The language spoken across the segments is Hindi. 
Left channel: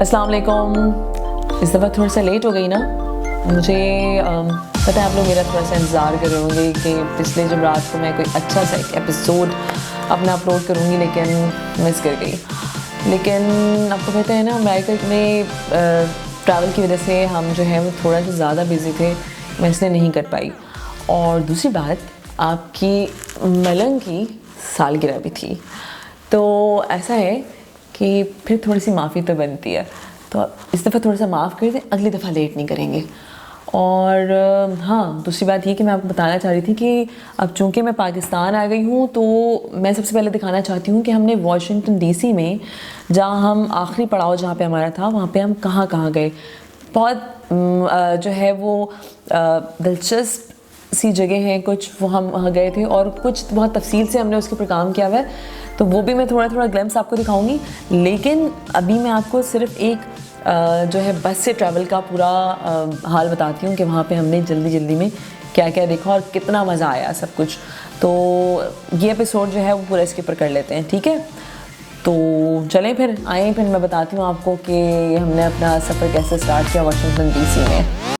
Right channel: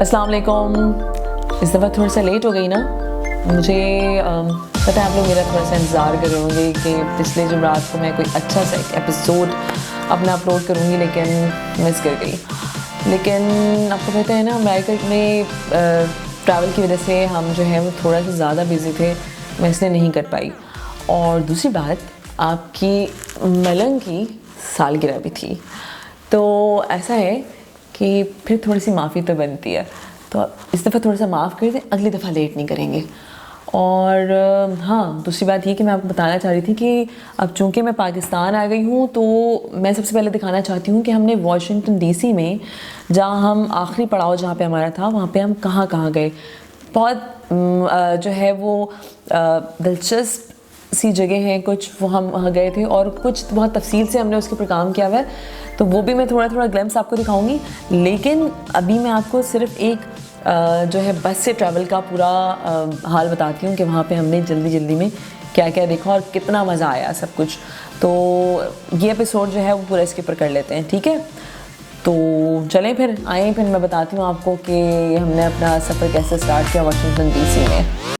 अस्सलाम वालेकुम। इस दफ़ा थोड़ा सा लेट हो गई ना। मुझे पता है आप लोग मेरा थोड़ा सा इंतज़ार कर रहे होंगे कि पिछले जुमरात को मैं कोई अच्छा सा एक एपिसोड अपना अपलोड करूँगी, लेकिन मिस कर गई। लेकिन आपको पता है ना, अमेरिका में ट्रैवल की वजह से हम जो है वो थोड़ा सा ज़्यादा बिज़ी थे, मैं इसलिए नहीं कर पाई। और दूसरी बात, आपकी मलंग की सालगिरह भी थी, तो ऐसा है कि फिर थोड़ी सी माफ़ी तो बनती है। तो इस दफ़ा थोड़ा सा माफ़ कर दें, अगली दफ़ा लेट नहीं करेंगे। और हाँ, दूसरी बात ये कि मैं आपको बताना चाह रही थी कि अब चूँकि मैं पाकिस्तान आ गई हूँ, तो मैं सबसे पहले दिखाना चाहती हूँ कि हमने वाशिंगटन डीसी में, जहाँ हम आखिरी पड़ाव जहाँ पे हमारा था, वहाँ पे हम कहाँ कहाँ गए। बहुत जो है वो दिलचस्प सी जगह हैं कुछ, वो हम वहाँ गए थे, और कुछ बहुत तफसील से हमने उसके ऊपर काम किया हुआ है, तो वो भी मैं थोड़ा थोड़ा ग्लिम्स आपको दिखाऊंगी। लेकिन अभी मैं आपको सिर्फ एक जो है बस से ट्रैवल का पूरा हाल बताती हूँ कि वहाँ पे हमने जल्दी जल्दी में क्या क्या देखा और कितना मज़ा आया सब कुछ। तो ये एपिसोड जो है वो पूरा इसके ऊपर कर लेते हैं, ठीक है? तो चलें फिर आए, फिर मैं बताती हूँ आपको कि हमने अपना सफ़र कैसे स्टार्ट किया वाशिंगटन डीसी में।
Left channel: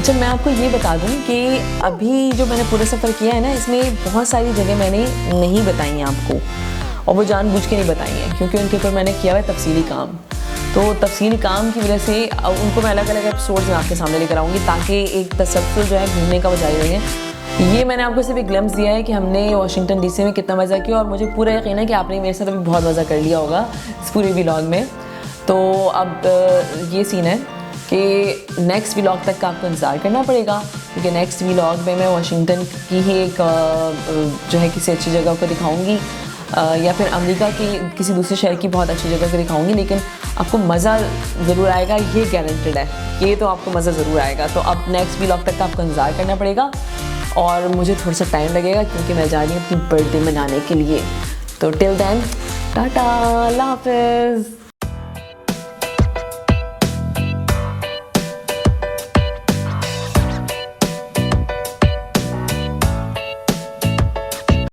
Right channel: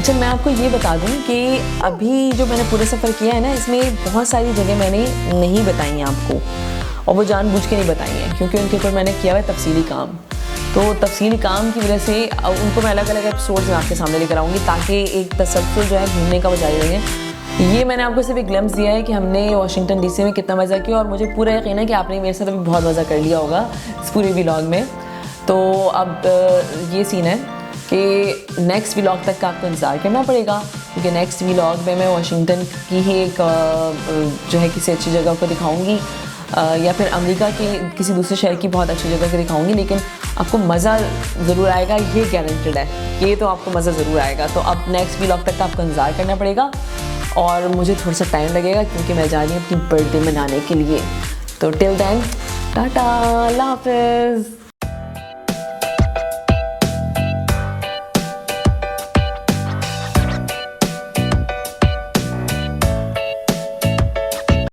अच्छा, मैं आपको ये बता दूं कि अभी जो मैंने पूरा सफ़र किया है ना, इसमें बहुत सारी जगह मैंने नहीं बताई हैं आपको, और वो जानबूझ के नहीं बताई हैं क्योंकि उनके ऊपर मैंने किया हुआ है तफसीली काम। तो तफसीली काम की वजह से उनको मैं अलग अलग एपिसोड्स में आपके सामने लेकर आऊँगी ताकि एक तसलसल जो है घूमने का वो जारी रहे। ये मैंने आपको सिर्फ एक ग्लिम्स दिया है कि हमने वाशिंगटन डीसी में कितना मज़ा किया, और मुझे पूरा यकीन है कि आपने मेरे साथ अभी बहुत मज़ा कर लिया होगा इस पूरे व्लॉग में। तो अब ये सीन है कि नेक्स्ट व्लॉग तक का आपको इंतज़ार करना पड़ेगा, क्योंकि नेक्स्ट व्लॉग में मैं वाशिंगटन की ही एक जो है किसी अच्छी जगह को दिखाऊंगी, या फिर अमेरिका के किसी दूसरे शहर की बहुत अच्छी जगह को दिखाऊंगी, लेकिन आपको मज़ा ज़रूर आएगा, ये गारंटेड है, ये तो आपको मज़ा ज़रूर आएगा। तो अब नेक्स्ट व्लॉग तक का आपको इंतज़ार करना पड़ेगा, और मुझे थोड़ा सा टाइम लगेगा क्योंकि मैं जा रही हूँ अपनी बर्थडे मनाने के लिए। तो टिल देन, टाटा, अल्लाह हाफ़िज़।